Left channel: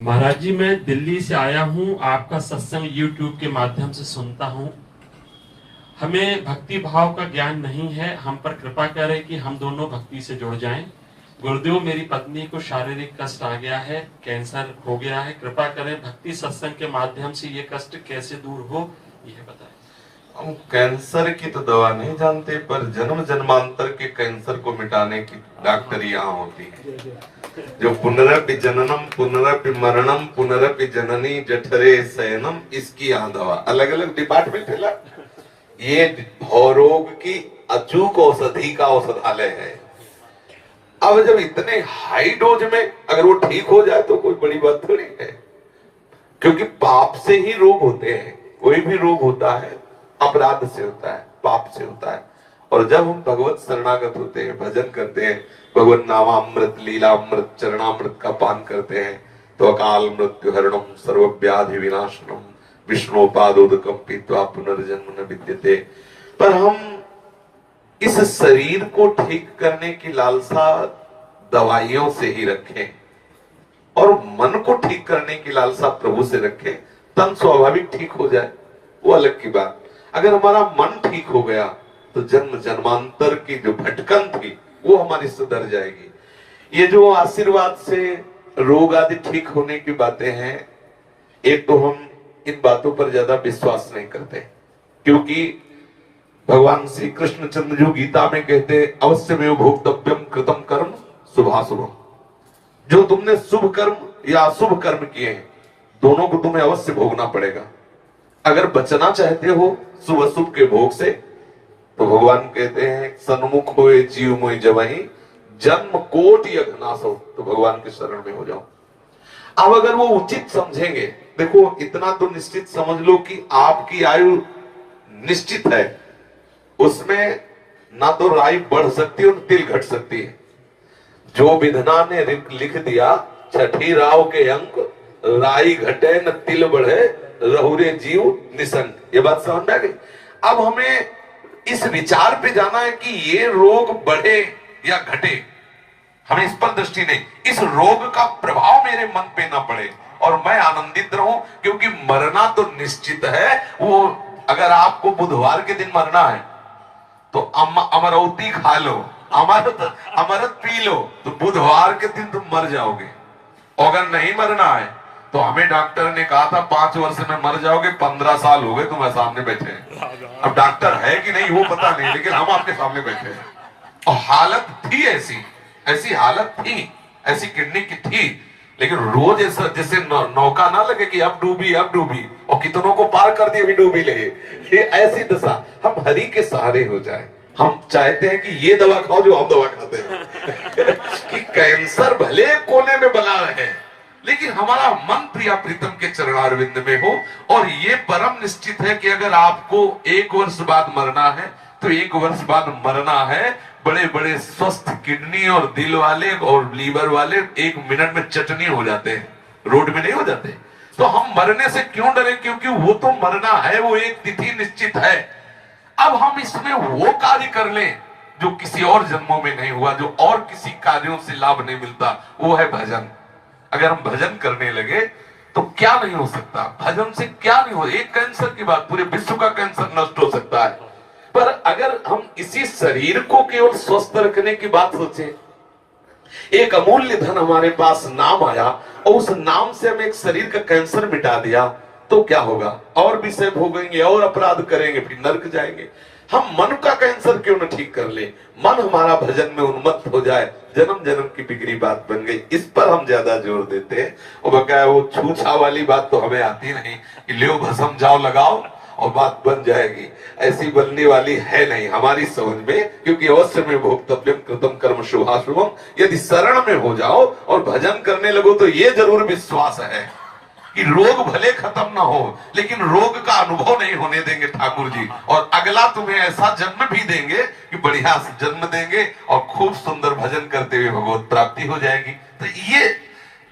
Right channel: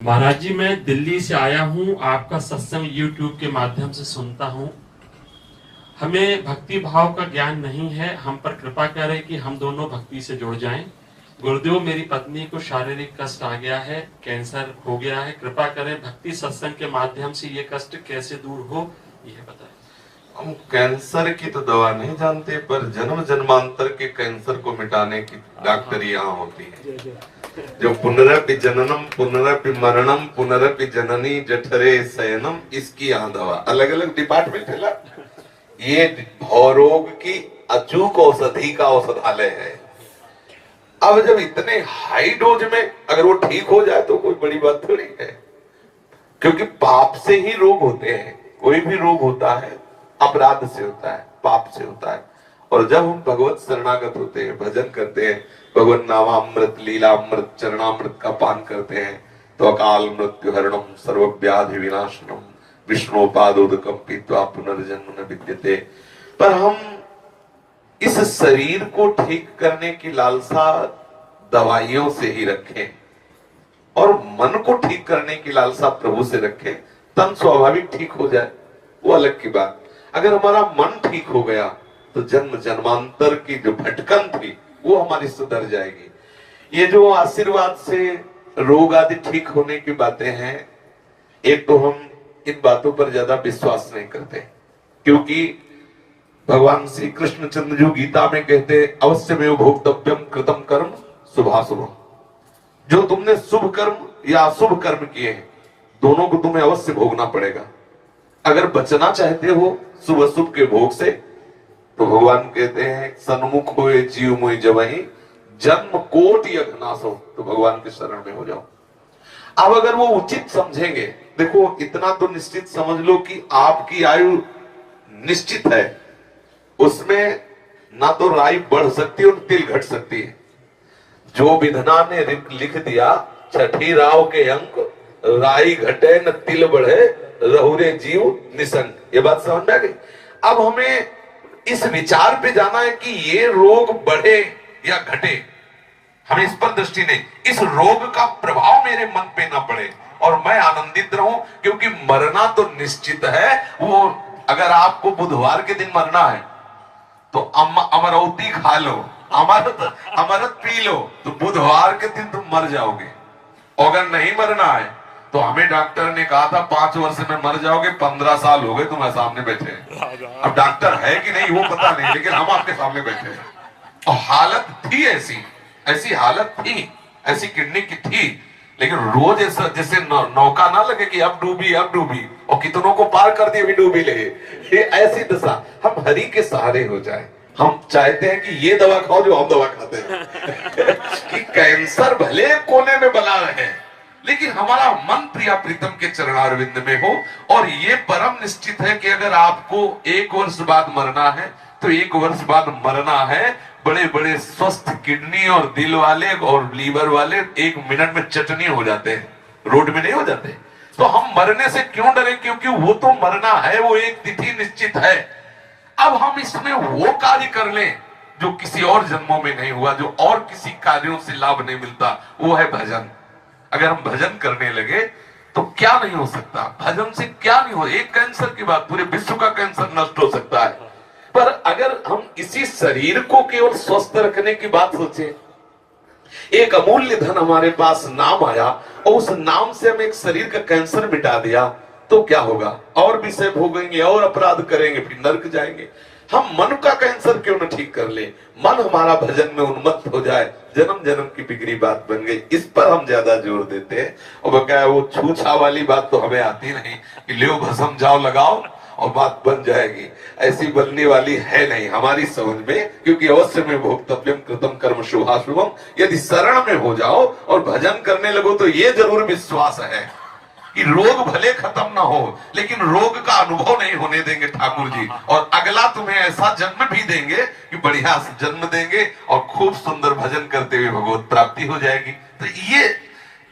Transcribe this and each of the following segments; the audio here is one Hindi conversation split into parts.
महाराज जी, मैं दिल्ली से आया हूँ। आपका सत्संग YouTube के माध्यम से सुनता हूँ। हमें भक्ति भाव का ज्ञान नहीं है। हम पर कृपा करें कि हम दोनों भक्ति से जुड़ जाएं। गुरुदेव, मेरी पत्नी को शारीरिक कष्ट आ गया है, कैंसर हो गया है। कृपा करें, भक्ति सत्संग के माध्यम से ये कष्ट कैसे दूर हो, यह बता। हम कैंसर की तो दवा नहीं जानते, पर जन्म जन्मांतर के कैंसर को मिटाने की डॉक्टरी यहाँ होती है। जो पुनरपि जननम पुनरपि मरणम पुनरपि जननी जठरे शयनम, इसकी यहाँ दवा। अलग अलग डिपार्टमेंट है। ये भवरोग की अचूक औषधि का औषधालय है। अब जब इतने हाई डोज में अगर वो ठीक हो जाए तो कोई बड़ी बात थोड़ी है, क्योंकि पाप से ही रोग होते हैं। कोई भी रोग होता है अपराध से होता है, पाप से होता है। और जब हम भगवत शरणागत होते हैं, भजन करते हैं, भगवत नामामृत लीलामृत चरणामृत का पान करते हैं, तो अकाल मृत्यु हरणम सर्व व्याधि विनाशनम विष्णुपादोदकम पीत्वा पुनर्जन्म न विद्यते। पर हम इस शरीर को ठीक करने की लालसा दवाइयों से ही रखें और मन को ठीक करने की लालसा प्रभु से रखें, तन स्वाभाविक ठीक हो जाए, वो अलग की बात। अगर हमारा मन ठीक हो गया तो जन्म जन्मांतर की जो भटकन थी वो हमारी सुधर जाएगी। ये जो आशीर्वाद से रोग आदि ठीक होने की बातें हैं, एक तो हम इन बातों पर ज्यादा विश्वास नहीं करते, क्योंकि भगवान श्री कृष्ण चंद्र जो गीता में कहते अवश्य में भोक्तव्यम कृतम कर्म शुभाशुभ। जो तुमने शुभ कर्म या अशुभ कर्म किए हैं, दोनों को तुम्हें अवश्य भोगना पड़ेगा। अगर बचना चाहते हो शुभ अशुभ के भोग से, तो भगवान कहते हैं सन्मुख होए जीव मोहि जबहि जन्म कोटि अघनाश हो, तो भगवान के शरण में हो जाओ। अब अगर वो उचित समझेंगे, देखो इतना तो निश्चित समझ लो कि आपकी आयु निश्चित है, उसमें ना तो राई बढ़ सकती है और तिल घट सकती है। जो विधना ने लिख दिया छठी राव के अंक, राई घटे न तिल बढ़े रहुरे जीव निसंग। ये बात समझ आ गई। अब हमें इस विचार पे जाना है कि ये रोग बढ़े या घटे, हमें इस पर दृष्टि नहीं। इस रोग का प्रभाव मेरे मन पे ना पड़े और मैं आनंदित रहूं, क्योंकि मरना तो निश्चित है। वो अगर आपको बुधवार के दिन मरना है तो अमरौती खा लो, अमृत पी लो, तो बुधवार के दिन तुम मर जाओगे। अगर नहीं मरना है तो हमें डॉक्टर ने कहा था 5 वर्ष में मर जाओगे, 15 साल हो गए तुम्हारे सामने बैठे हैं। अब डॉक्टर है कि नहीं वो पता नहीं, लेकिन हम आपके सामने बैठे हैं। और हालत थी ऐसी हालत थी, ऐसी किडनी की थी, लेकिन रोज ऐसा जैसे नौका ना लगे कि अब डूबी और कितनों को पार कर दिए, अभी डूबी ले। ये ऐसी दशा, हम हरि के सहारे हो जाए। हम चाहते हैं कि ये दवा खाओ जो हम दवा खाते हैं कि कैंसर भले कोने में बना रहे, लेकिन हमारा मन प्रिया प्रीतम के चरणारविंद में हो। और ये परम निश्चित है कि अगर आपको 1 वर्ष बाद मरना है तो 1 वर्ष बाद मरना है। बड़े बड़े स्वस्थ किडनी और दिल वाले और लीवर वाले 1 मिनट में चटनी हो जाते हैं, रोड में नहीं हो जाते। तो हम मरने से क्यों डरे, क्योंकि वो तो मरना है, वो एक तिथि निश्चित है। अब हम इसमें वो कार्य कर लें जो किसी और जन्मों में नहीं हुआ, जो और किसी कार्यों से लाभ नहीं मिलता, वो है भजन। अगर हम भजन करने लगे तो क्या नहीं हो सकता, भजन से क्या नहीं हो। एक कैंसर की बात, पूरे विश्व का कैंसर नष्ट हो सकता है। पर अगर हम इसी शरीर को केवल स्वस्थ रखने की बात सोचें, एक अमूल्य धन हमारे पास नाम आया और उस नाम से हम एक शरीर का कैंसर मिटा दिया, तो क्या होगा? और विषय भोगेंगे और अपराध करेंगे, फिर नरक जाएंगे। हम मन का कैंसर क्यों न ठीक कर ले, मन हमारा भजन में उन्मत्त हो जाए, जन्म जन्म की बिगड़ी बात बन गई। इस पर हम ज्यादा जोर देते हैं। और क्या है, वो छूछा वाली बात तो हमें आती नहीं कि ले भस्म जाओ लगाओ और बात बन जाएगी, ऐसी बनने वाली है नहीं हमारी समझ में। क्योंकि अवश्य में भोक्तव्यम कृतम कर्म शुभाशुभम, यदि शरण में हो जाओ और भजन करने लगो तो ये जरूर विश्वास है कि रोग भले खत्म ना हो, लेकिन रोग का अनुभव नहीं होने देंगे ठाकुर जी। और अगला तुम्हें ऐसा जन्म भी देंगे कि बढ़िया जन्म देंगे और खूब सुंदर भजन करते हुए भगवत प्राप्ति हो जाएगी। तो ये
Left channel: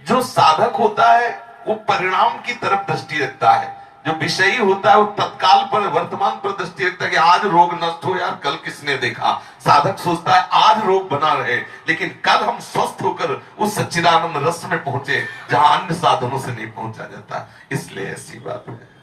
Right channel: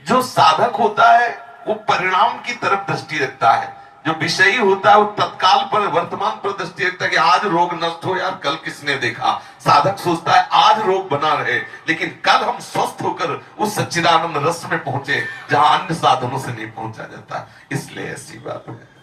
जो साधक होता है वो परिणाम की तरफ दृष्टि रखता है। जो विषयी होता है वो तत्काल पर वर्तमान पर दृष्टि रखता है कि आज रोग नष्ट हो यार, कल किसने देखा। साधक सोचता है आज रोग बना रहे, लेकिन कल हम स्वस्थ होकर उस सच्चिदानंद रस में पहुंचे जहां अन्य साधनों से नहीं पहुंचा जाता। इसलिए ऐसी बात है।